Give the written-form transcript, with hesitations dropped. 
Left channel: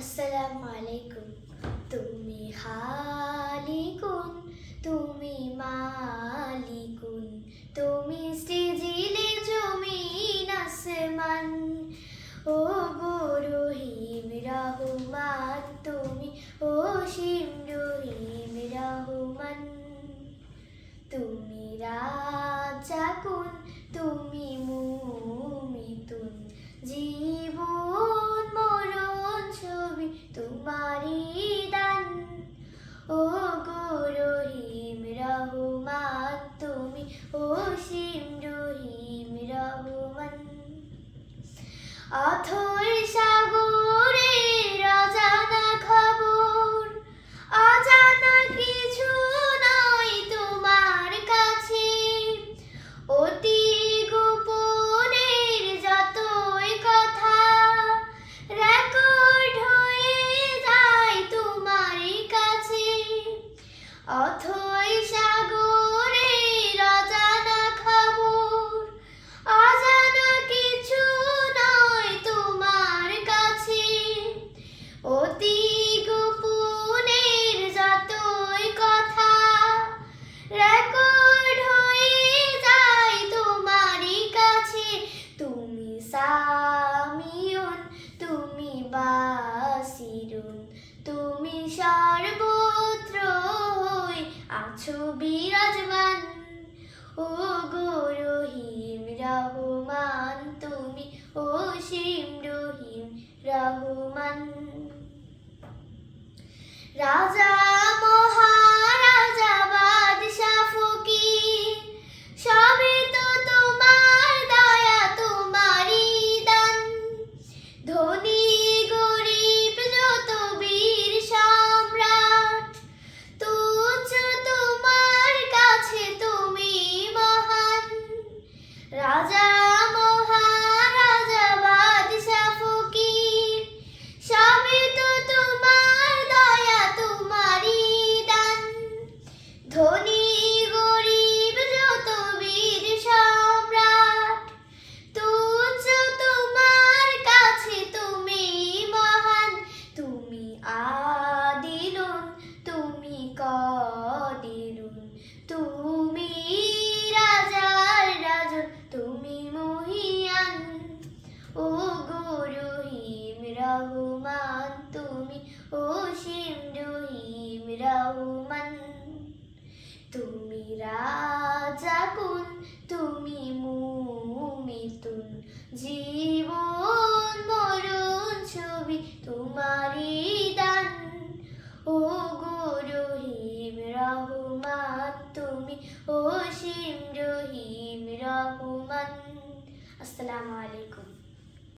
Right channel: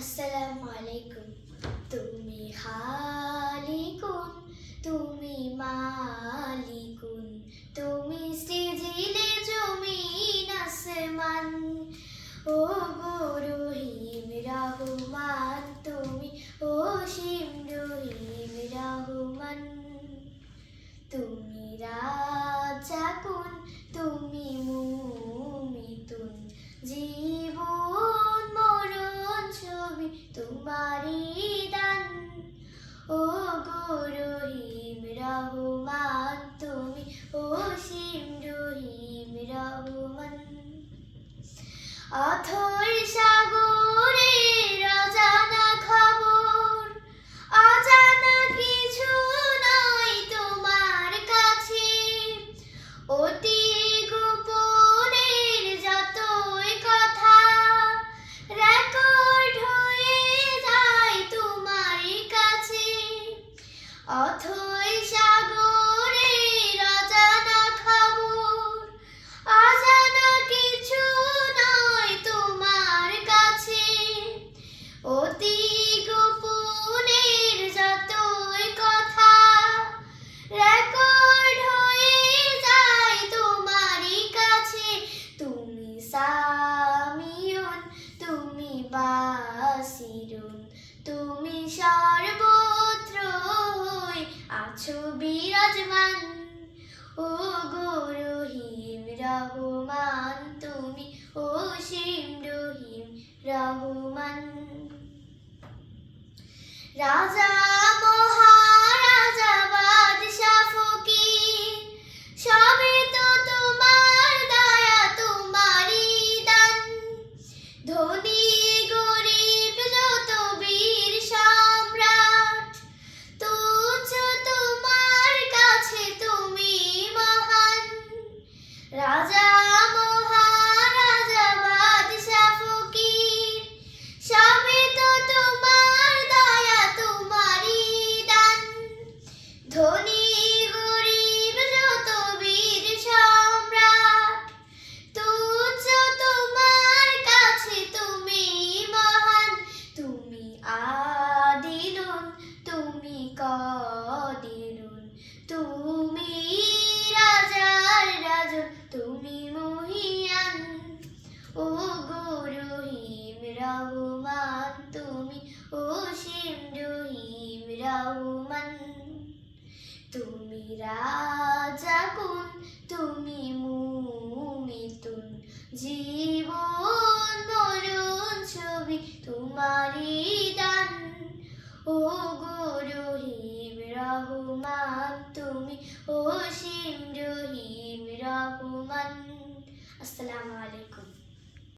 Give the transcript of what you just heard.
আসসালামু আলাইকুম। তুমি খালিকুন, তুমি মালিকুন, তুমি সৃজিলে জমিন আসমান। ও গো রহিম রহমান, তুমি অসীম রহিম রহমান। তুমি রাজ্জাকুন, তুমি মুমিতুন, জীবন মরণ ছবি তোমারই দান। ও গো রহিম রহমান, তুমি অসীম রহিম রহমান। অথই সাগরের অজানা খবর, অজানা কিছু নয় তোমার কাছে। অতি গোপনের যতই কথা রেকর্ড হয়ে যায় তোমার কাছে। অথই সাগরের অজানা খবর, অজানা কিছু নয় তোমার কাছে। অতি গোপনের যতই কথা রেকর্ড হয়ে যায় তোমারই কাছে। তুমি সামিউন, তুমি বাসিরুন, তুমি সর্বত্র হয়ে আছো বিরাজমান। ও গো রহিম রহমান, তুমি অসীম রহিম রহমান। রাজা মহারাজা বাদশা ফকির সবে তো তোমার দয়া তোমারই দান। ধনী গরিব যত বীর সম্রাট তুচ্ছ তোমার কাছে তুমি মহান। রাজা মহারাজা বাদশা ফকির সবে তো তোমার দয়া তোমারই দান। ধনী গরিব যত বীর সম্রাট তুচ্ছ তোমার কাছে তুমি মহান। তুমি আদিলুন, তুমি কাদিরুন, তুমি রাজার রাজন, তুমি মহিয়ান। ও গো রহিম রহমান, তুমি অসীম রহিম রহমান। তুমি রাজ্জাকুন, তুমি মুমিতুন, জীবন মরণ ছবি তোমারই দান। ও গো রহিম রহমান, তুমি অসীম রহিম রহমান। আসসালামু আলাইকুম।